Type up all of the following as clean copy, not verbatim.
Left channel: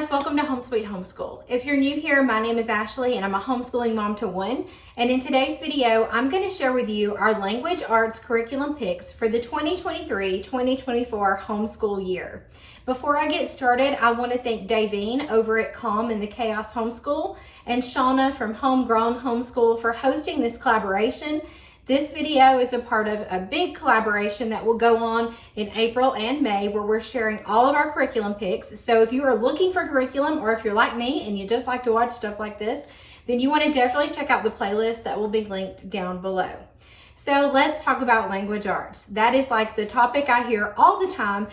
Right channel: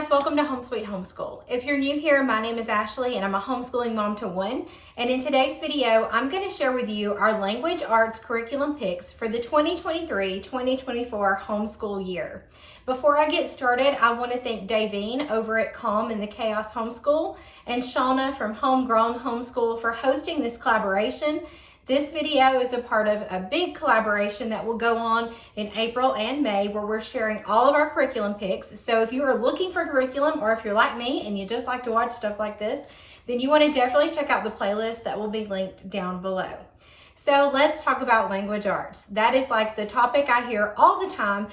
guys, welcome to Home Sweet Homeschool. If you're new here, my name is Ashley and I'm a homeschooling mom to one. And in today's video, I'm going to share with you our language arts curriculum picks for the 2023-2024 homeschool year. Before I get started, I want to thank Davene over at Calm in the Chaos Homeschool and Shauna from Homegrown Homeschool for hosting this collaboration. This video is a part of a big collaboration that will go on in April and May where we're sharing all of our curriculum picks. So if you are looking for curriculum or if you're like me and you just like to watch stuff like this, then you want to definitely check out the playlist that will be linked down below. So let's talk about language arts. That is like the topic I hear all the time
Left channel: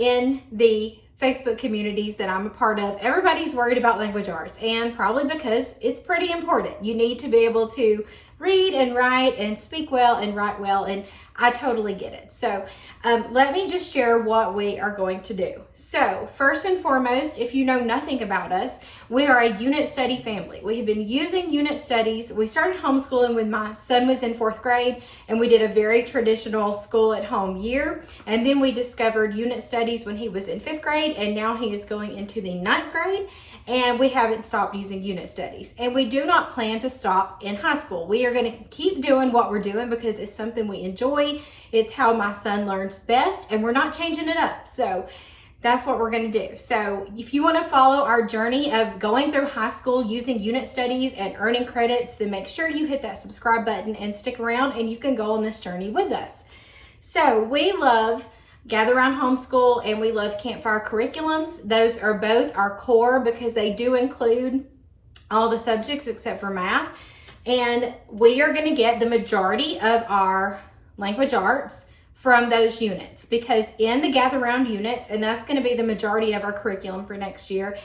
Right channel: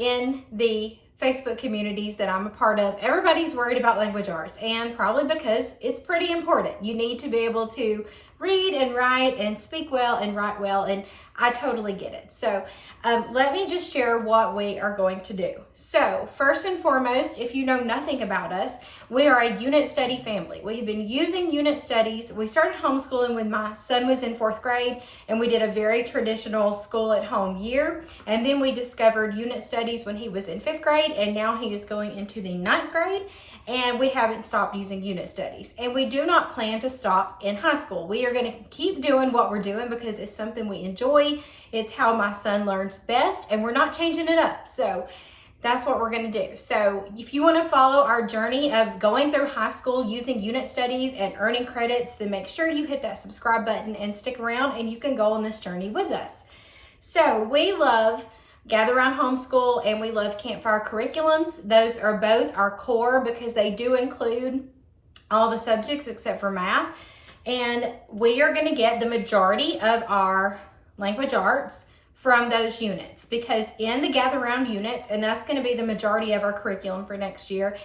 in the Facebook communities that I'm a part of. Everybody's worried about language arts, and probably because it's pretty important. You need to be able to read and write and speak well and write well, and I totally get it. So let me just share what we are going to do. So first and foremost, if you know nothing about us, we are a unit study family. We have been using unit studies. We started homeschooling when my son was in 4th grade, and we did a very traditional school at home year. And then we discovered unit studies when he was in 5th grade, and now he is going into the 9th grade. And we haven't stopped using unit studies. And we do not plan to stop in high school. We are going to keep doing what we're doing because it's something we enjoy. It's how my son learns best, and we're not changing it up. So that's what we're going to do. So if you want to follow our journey of going through high school using unit studies and earning credits, then make sure you hit that subscribe button and stick around, and you can go on this journey with us. So we love Gather Around Homeschool and we love Campfire curriculums. Those are both our core because they do include all the subjects except for math. And we are going to get the majority of our language arts from those units, because in the Gather Around units, and that's going to be the majority of our curriculum for next year,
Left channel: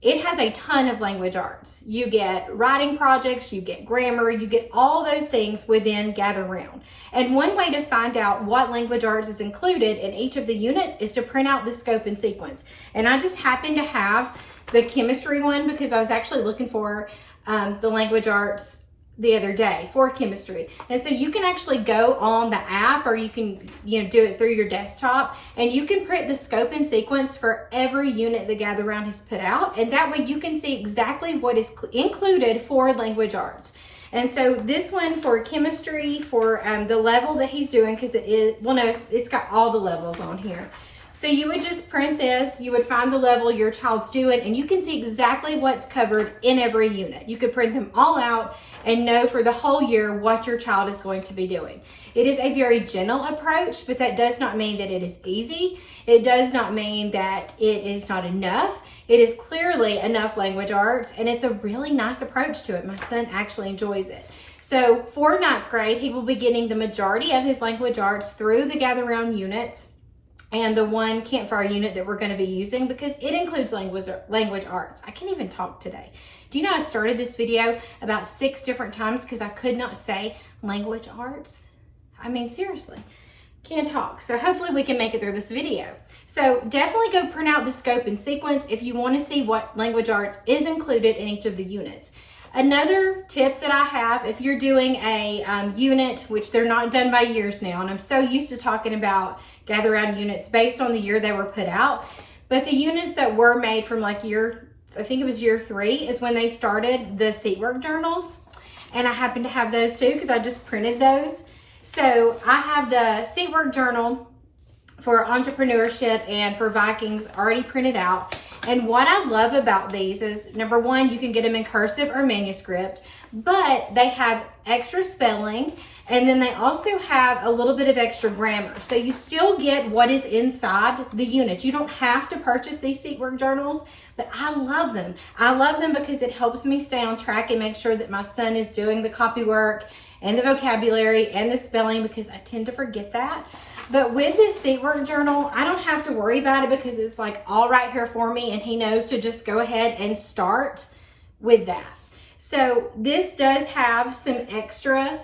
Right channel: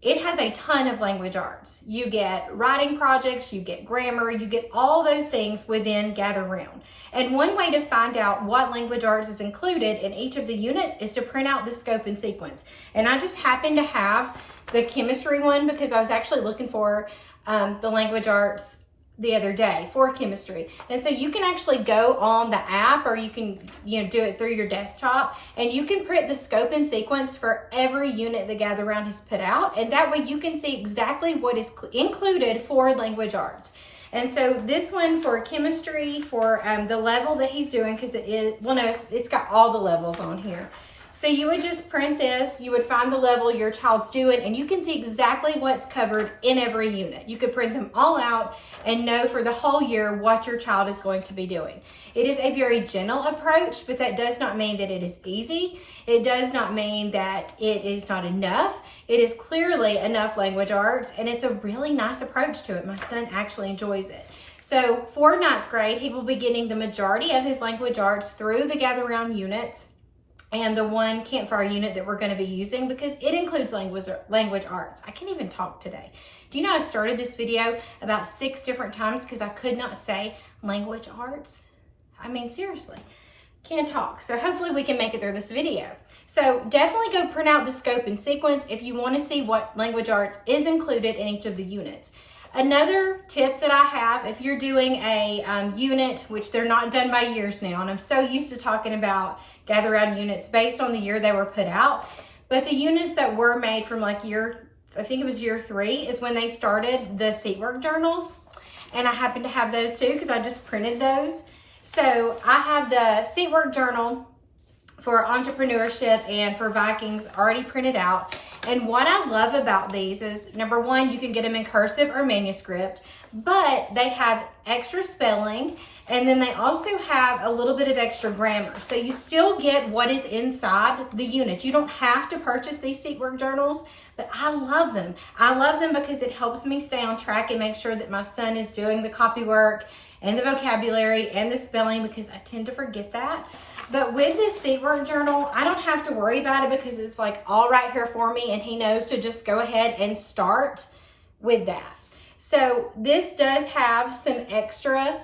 it has a ton of language arts. You get writing projects, you get grammar, you get all those things within Gather Round. And one way to find out what language arts is included in each of the units is to print out the scope and sequence. And I just happen to have the chemistry one because I was actually looking for the language arts the other day for chemistry. And so you can actually go on the app, or you can do it through your desktop, and you can print the scope and sequence for every unit the Gather Round has put out, and that way you can see exactly what is included for language arts. And so this one for chemistry, for the level that he's doing, because it is, well, no, it's got all the levels on here. So you would just print this, you would find the level your child's doing, and you can see exactly what's covered in every unit. You could print them all out and know for the whole year what your child is going to be doing. It is a very gentle approach, but that does not mean that it is easy. It does not mean that it is not enough. It is clearly enough language arts, and it's a really nice approach to it. My son actually enjoys it. So for 9th grade, he will be getting the majority of his language arts through the Gather Round units and the one Campfire unit that we're going to be using, because it includes language arts. I can't even talk today. Do you know I started this video about 6 different times because I could not say language arts? I mean, seriously, can't talk. So hopefully we can make it through this video. So definitely go print out the scope and sequence if you want to see what language arts is included in each of the units. Another tip that I have, if you're doing a unit, which they're not done by years now, and I'm so used to talking about Gather Round units based on the year they were put out, but the units that were made from like I think it was year 3 is when they started the seat work journals. And I happen to have those too because I just printed those. So I have the seat work journal for entrepreneurship and for Vikings already printed out. And what I love about these is, number one, you can get them in cursive or manuscript, but they have extra spelling, and then they also have a little bit of extra grammar. So you still get what is inside the unit. You don't have to purchase these seat work journals, but I love them. I love them because it helps me stay on track and make sure that my son is doing the copy work and the vocabulary and the spelling, because I tend to forget that. But with this seat work journal, I don't have to worry about it because it's like all right here for me, and he knows to just go ahead and start with that. So this does have some extra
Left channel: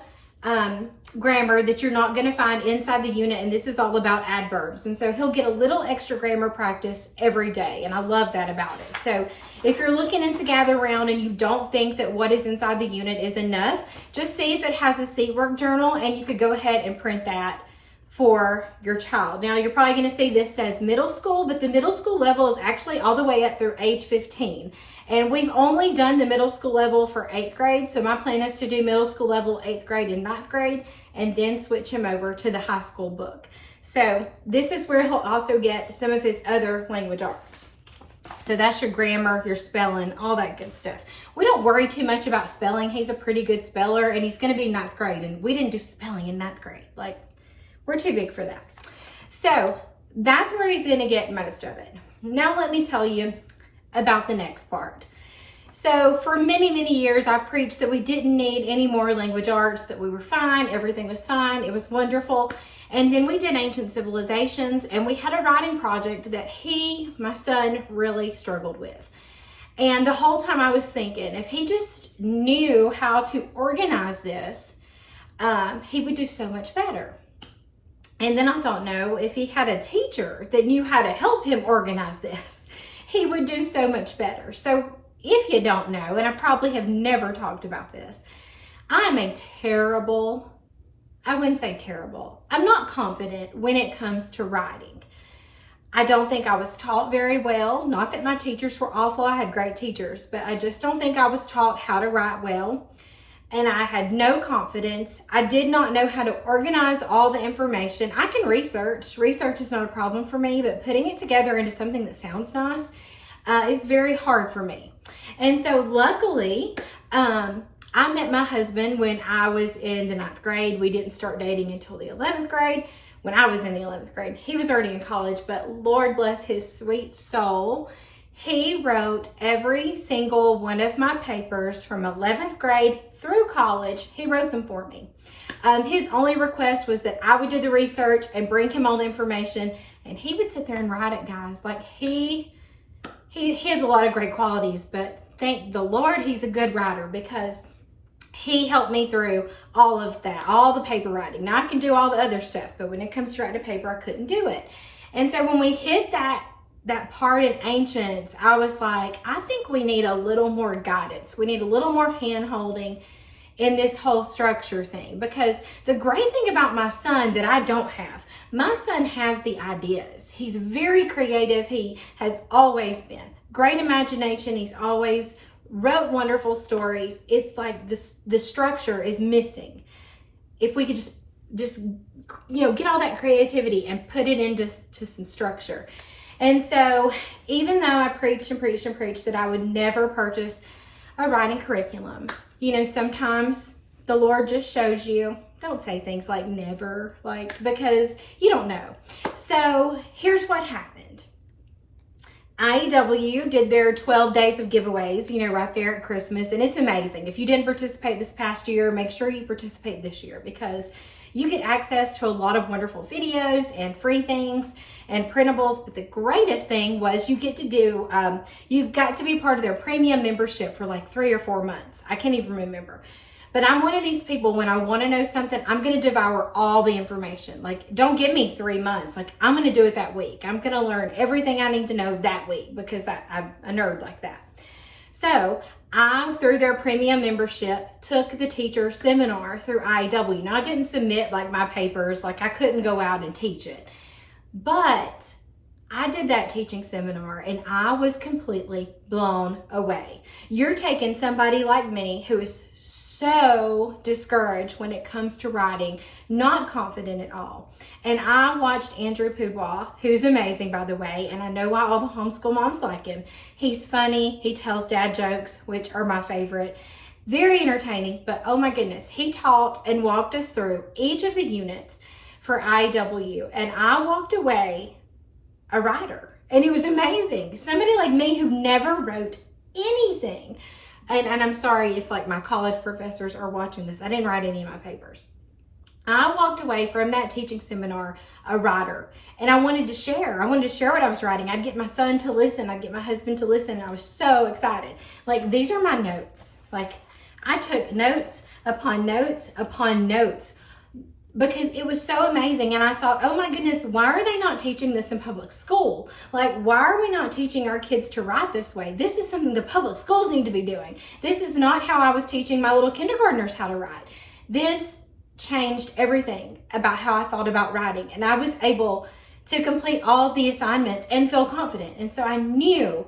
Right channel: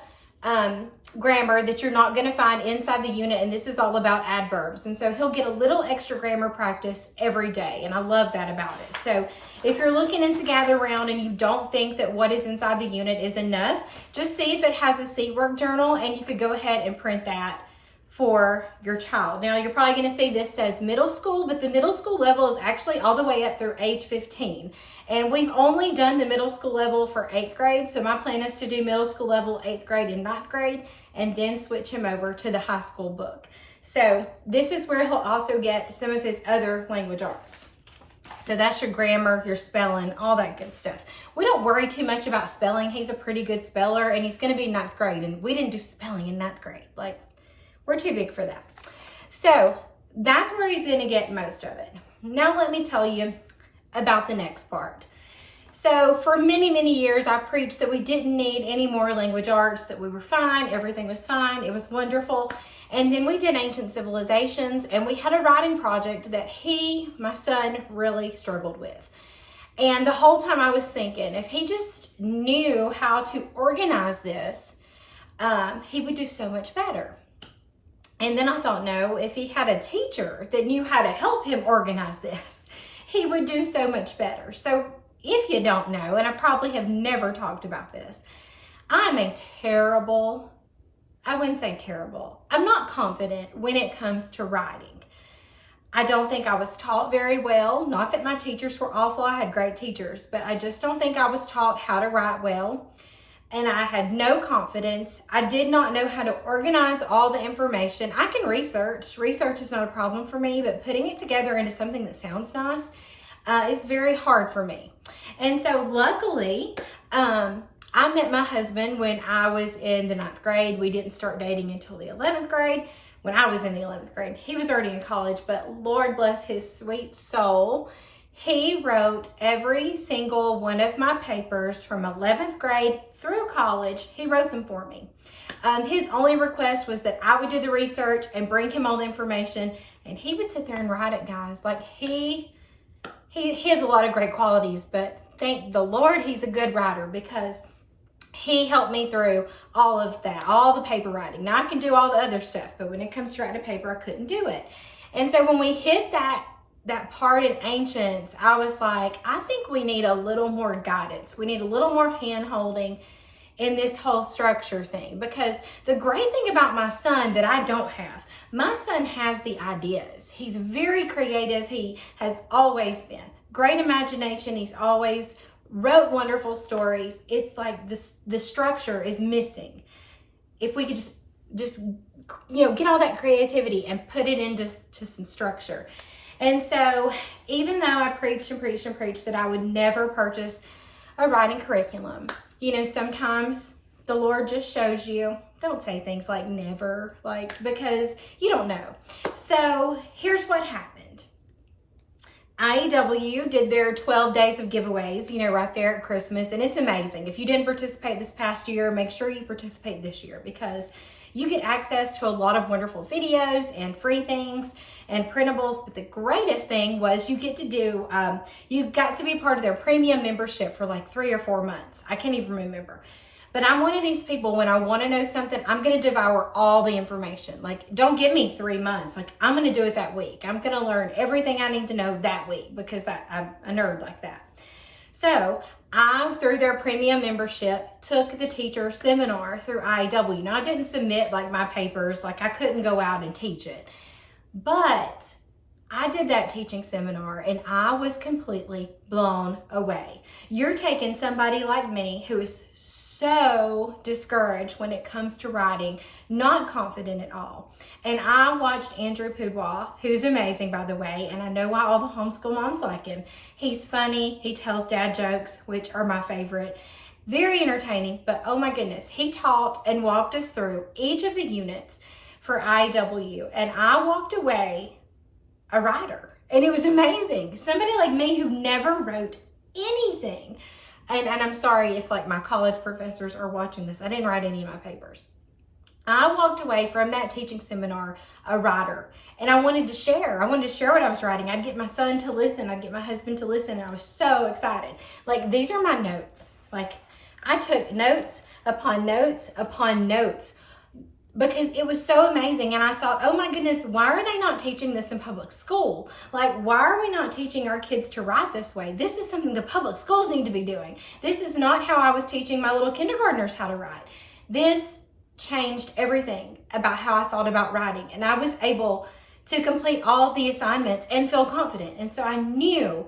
grammar that you're not going to find inside the unit, and this is all about adverbs. And so he'll get a little extra grammar practice every day, and I love that about it. So if you're looking into Gather Round and you don't think that what is inside the unit is enough, just see if it has a seat work journal, and you could go ahead and print that for your child. Now you're probably going to see this says middle school, but the middle school level is actually all the way up through age 15. And we've only done the middle school level for 8th grade. So my plan is to do middle school level, 8th grade and 9th grade, and then switch him over to the high school book. So this is where he'll also get some of his other language arts. So that's your grammar, your spelling, all that good stuff. We don't worry too much about spelling. He's a pretty good speller, and he's going to be 9th grade, and we didn't do spelling in 9th grade. Like, we're too big for that. So that's where he's going to get most of it. Now let me tell you about the next part. So for many, many years, I preached that we didn't need any more language arts, that we were fine, everything was fine, it was wonderful. And then we did ancient civilizations, and we had a writing project that my son, really struggled with. And the whole time I was thinking, if he just knew how to organize this, he would do so much better. And then I thought, no, if he had a teacher that knew how to help him organize this, he would do so much better. So if you don't know, and I probably have never talked about this, I'm I wouldn't say terrible. I'm not confident when it comes to writing. I don't think I was taught very well. Not that my teachers were awful. I had great teachers, but I just don't think I was taught how to write well. And I had no confidence. I did not know how to organize all the information. I can research. Research is not a problem for me, but putting it together into something that sounds nice is very hard for me. And so luckily, I met my husband when I was in the 9th grade. We didn't start dating until the 11th grade. When I was in the 11th grade, he was already in college, but Lord bless his sweet soul. He wrote every single one of my papers from 11th grade through college. He wrote them for me. His only request was that I would do the research and bring him all the information, and he would sit there and write it, guys. Like he has a lot of great qualities, but thank the Lord he's a good writer, because he helped me through all of that, all the paper writing. Now I can do all the other stuff, but when it comes to writing a paper, I couldn't do it. And so when we hit that part in ancients, I was like, I think we need a little more guidance. We need a little more hand holding in this whole structure thing, because the great thing about my son that I don't have, my son has the ideas. He's very creative. He has always been. Great imagination. He's always wrote wonderful stories. It's like the structure is missing. If we could just get all that creativity and put it into some structure. And so even though I preached and preached and preached that I would never purchase a writing curriculum, sometimes the Lord just shows you, don't say things like never, because you don't know. So here's what happened. IEW did their 12 days of giveaways, right there at Christmas. And it's amazing. If you didn't participate this past year, make sure you participate this year, because you get access to a lot of wonderful videos and free things and printables. But the greatest thing was you got to be part of their premium membership for like 3 or 4 months. I can't even remember. But I'm one of these people, when I want to know something, I'm going to devour all the information. Don't give me 3 months. I'm going to do it that week. I'm going to learn everything I need to know that week, because I'm a nerd like that. So I, through their premium membership, took the teacher seminar through IEW. Now, I didn't submit my papers. I couldn't go out and teach it. But I did that teaching seminar, and I was completely blown away. You're taking somebody like me who is so discouraged when it comes to writing, not confident at all. And I watched Andrew Poubois, who's amazing, by the way, and I know why all the homeschool moms like him. He's funny. He tells dad jokes, which are my favorite. Very entertaining, but oh my goodness, he taught and walked us through each of the units for IW, and I walked away a writer, and it was amazing. Somebody like me who never wrote anything. And I'm sorry if my college professors are watching this. I didn't write any of my papers. I walked away from that teaching seminar a writer, and I wanted to share. I wanted to share what I was writing. I'd get my son to listen. I'd get my husband to listen. And I was so excited. These are my notes. I took notes upon notes upon notes, because it was so amazing. And I thought, oh my goodness, why are they not teaching this in public school? Why are we not teaching our kids to write this way? This is something the public schools need to be doing. This is not how I was teaching my little kindergartners how to write. This changed everything about how I thought about writing. And I was able to complete all of the assignments and feel confident. And so I knew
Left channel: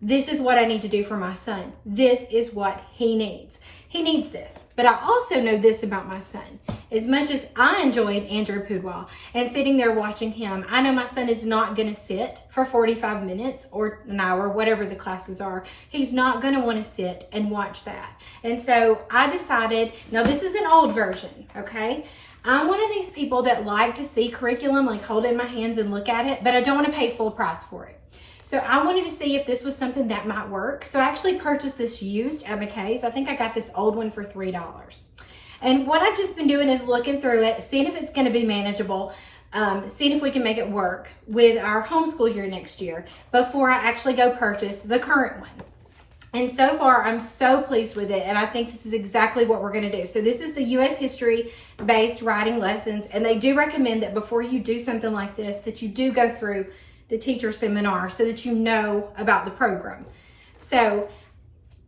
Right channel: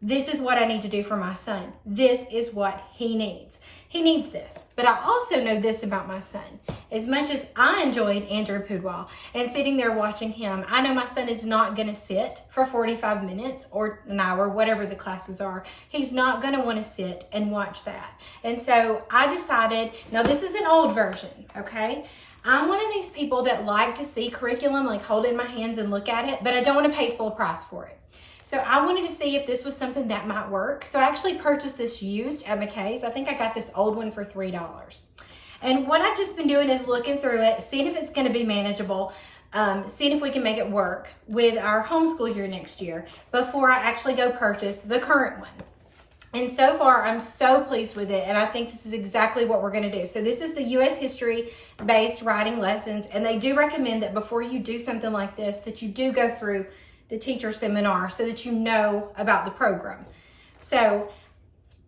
this is what I need to do for my son. This is what he needs. He needs this. But I also know this about my son. As much as I enjoyed Andrew Pudwell and sitting there watching him, I know my son is not going to sit for 45 minutes or an hour, whatever the classes are. He's not going to want to sit and watch that. And so I decided, now this is an old version, okay? I'm one of these people that like to see curriculum, like hold it in my hands and look at it, but I don't want to pay full price for it. So I wanted to see if this was something that might work. So I actually purchased this used at McKay's. I think I got this old one for $3. And what I've just been doing is looking through it, seeing if it's going to be manageable, seeing if we can make it work with our homeschool year next year before I actually go purchase the current one. And so far, I'm so pleased with it, and I think this is exactly what we're going to do. So this is the U.S. history-based writing lessons, and they do recommend that before you do something like this, that you do go through the teacher seminar so that you know about the program. So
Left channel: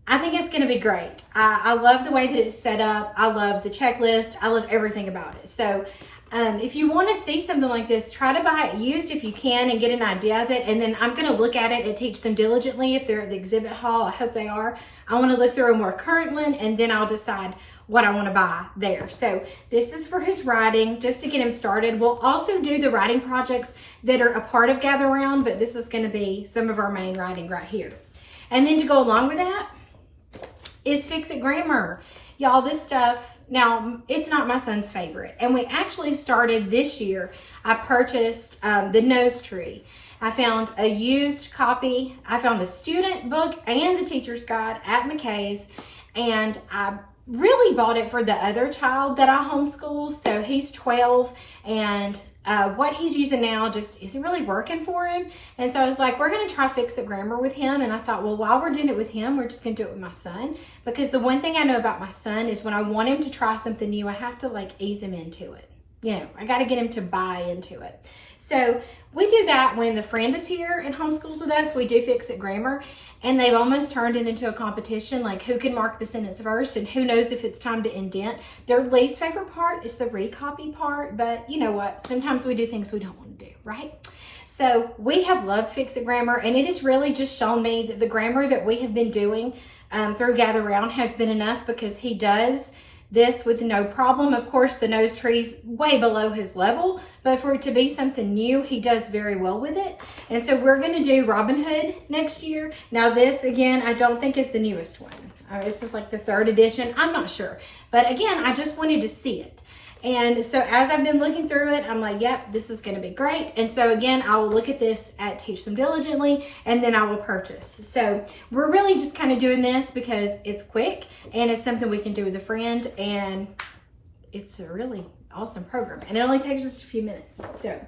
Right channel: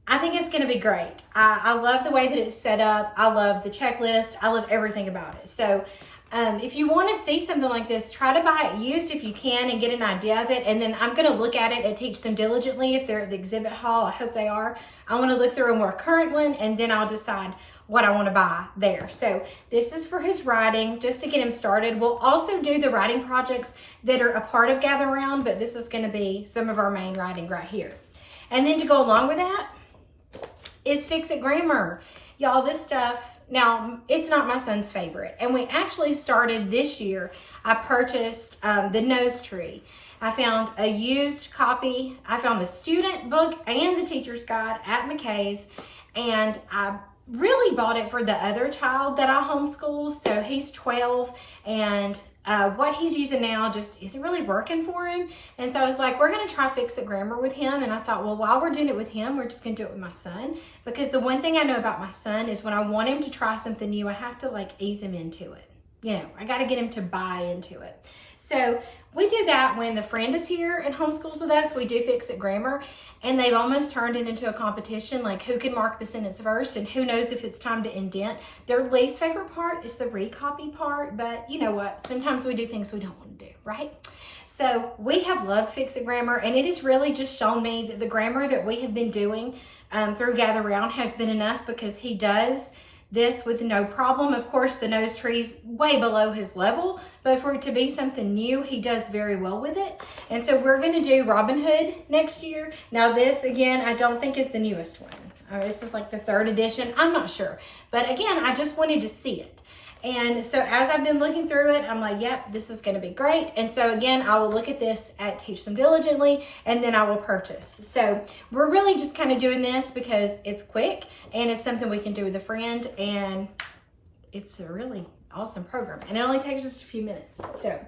I think it's going to be great. I love the way that it's set up. I love the checklist. I love everything about it. So if you want to see something like this, try to buy it used if you can and get an idea of it. And then I'm going to look at it and teach them diligently if they're at the exhibit hall. I hope they are. I want to look through a more current one, and then I'll decide what I want to buy there. So this is for his writing, just to get him started. We'll also do the writing projects that are a part of Gather Round, but this is going to be some of our main writing right here. And then to go along with that is Fix It Grammar. Y'all, this stuff, now it's not my son's favorite. And we actually started this year, I purchased the Nose Tree. I found a used copy. I found the student book and the teacher's guide at McKay's, and I really bought it for the other child that I homeschool. So he's 12, and what he's using now just isn't really working for him. And so I was like, we're going to try Fix It Grammar with him. And I thought, well, while we're doing it with him, we're just going to do it with my son. Because the one thing I know about my son is when I want him to try something new, I have to like ease him into it. You know, I got to get him to buy into it. So we do that when the friend is here and homeschools with us. We do Fix It Grammar, and they've almost turned it into a competition, like who can mark the sentence first and who knows if it's time to indent. Their least favorite part is the recopy part, but you know what? Sometimes we do things we don't want to do, right? So we have loved Fix It Grammar, and it has really just shown me that the grammar that we have been doing through Gather Round has been enough, because he does this with no problem. Of course, the Nose Tree's way below his level, but for it to be something new, he does very well with it. And so we're going to do Robin Hood next year. Now this, again, I don't think is the newest one. This is like the 3rd edition. I'm not sure. But again, I just wanted to see it. And so as I've been looking through it, I'm like, yep, this is going to be great. And so again, I will look at this at Teach Them Diligently, and then I will purchase. So we're really just kind of doing this because it's quick and it's something we can do with a friend, and it's a really awesome program. And it only takes just a few minutes. So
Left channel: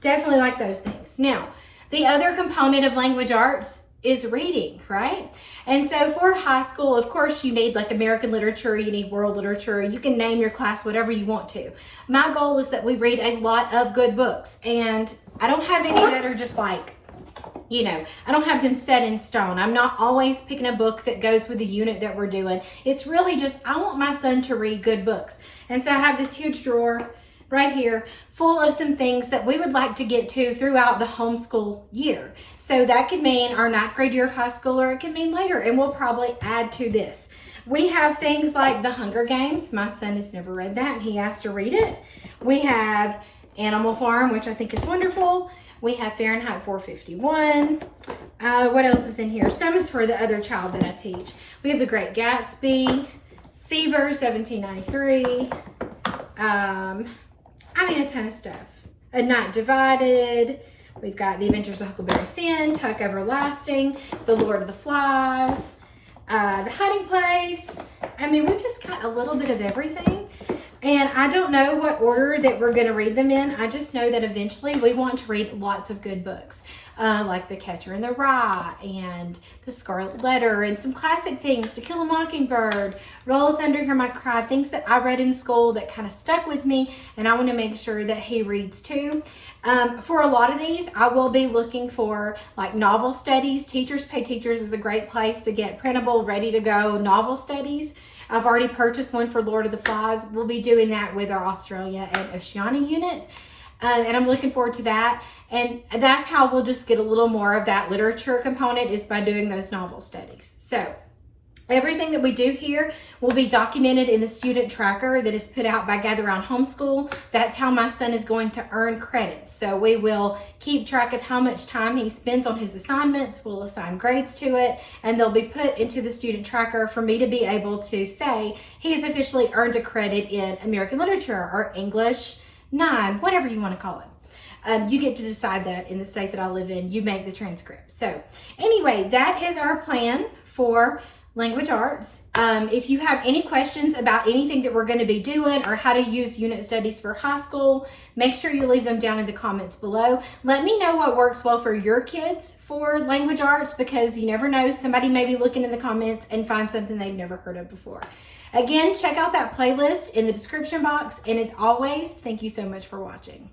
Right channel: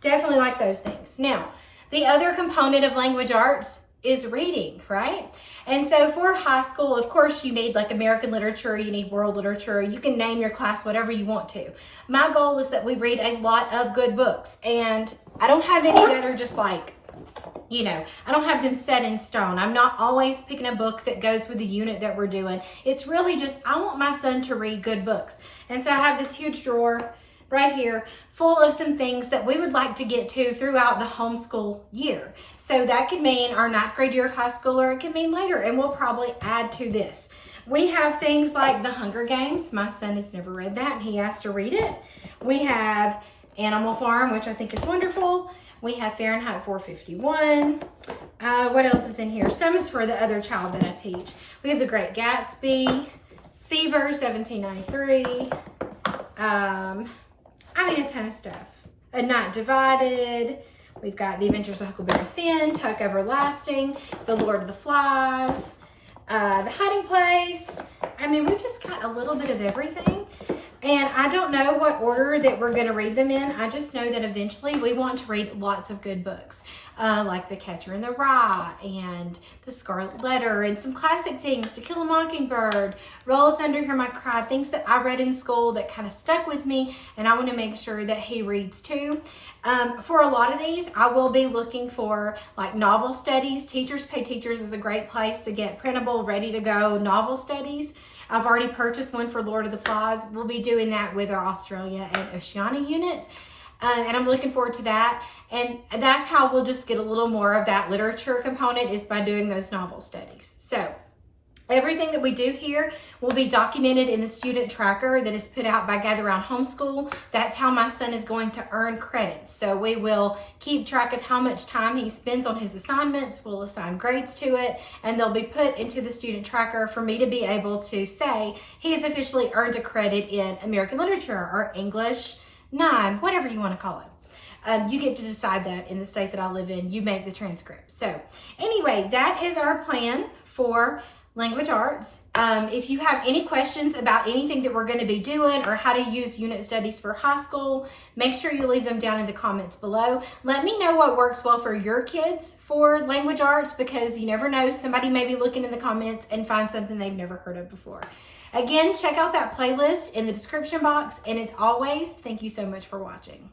definitely like those things. Now, the other component of language arts is reading, right? And so for high school, of course, you need like American literature, you need world literature, you can name your class whatever you want to. My goal is that we read a lot of good books, and I don't have any that are just like, you know, I don't have them set in stone. I'm not always picking a book that goes with the unit that we're doing. It's really just, I want my son to read good books. And so I have this huge drawer right here full of some things that we would like to get to throughout the homeschool year. So that could mean our 9th grade year of high school, or it could mean later, and we'll probably add to this. We have things like The Hunger Games. My son has never read that, and he asked to read it. We have Animal Farm, which I think is wonderful. We have Fahrenheit 451. What else is in here? Some is for the other child that I teach. We have The Great Gatsby, Fever, 1793. I mean, a ton of stuff. A Night Divided. We've got The Adventures of Huckleberry Finn, Tuck Everlasting, The Lord of the Flies, The Hiding Place. I mean, we've just got a little bit of everything. And I don't know what order that we're going to read them in. I just know that eventually we want to read lots of good books, like The Catcher in the Rye and The Scarlet Letter, and some classic things, To Kill a Mockingbird, Roll of Thunder, Hear My Cry, things that I read in school that kind of stuck with me, and I want to make sure that he reads too. For a lot of these, I will be looking for like novel studies. Teachers Pay Teachers is a great place to get printable, ready to go novel studies. I've already purchased one for Lord of the Flies. We'll be doing that with our Australia and Oceania unit. And I'm looking forward to that. And that's how we'll just get a little more of that literature component, is by doing those novel studies. So everything that we do here will be documented in the student tracker that is put out by Gather Round Homeschool. That's how my son is going to earn credits. So we will keep track of how much time he spends on his assignments. We'll assign grades to it, and they'll be put into the student tracker for me to be able to say he has officially earned a credit in American literature or English 9, whatever you want to call it. You get to decide that in the state that I live in. You make the transcript. So anyway, that is our plan for language arts. If you have any questions about anything that we're going to be doing or how to use unit studies for high school, make sure you leave them down in the comments below. Let me know what works well for your kids for language arts, because you never know, somebody may be looking in the comments and find something they've never heard of before. Again, check out that playlist in the description box. And as always, thank you so much for watching.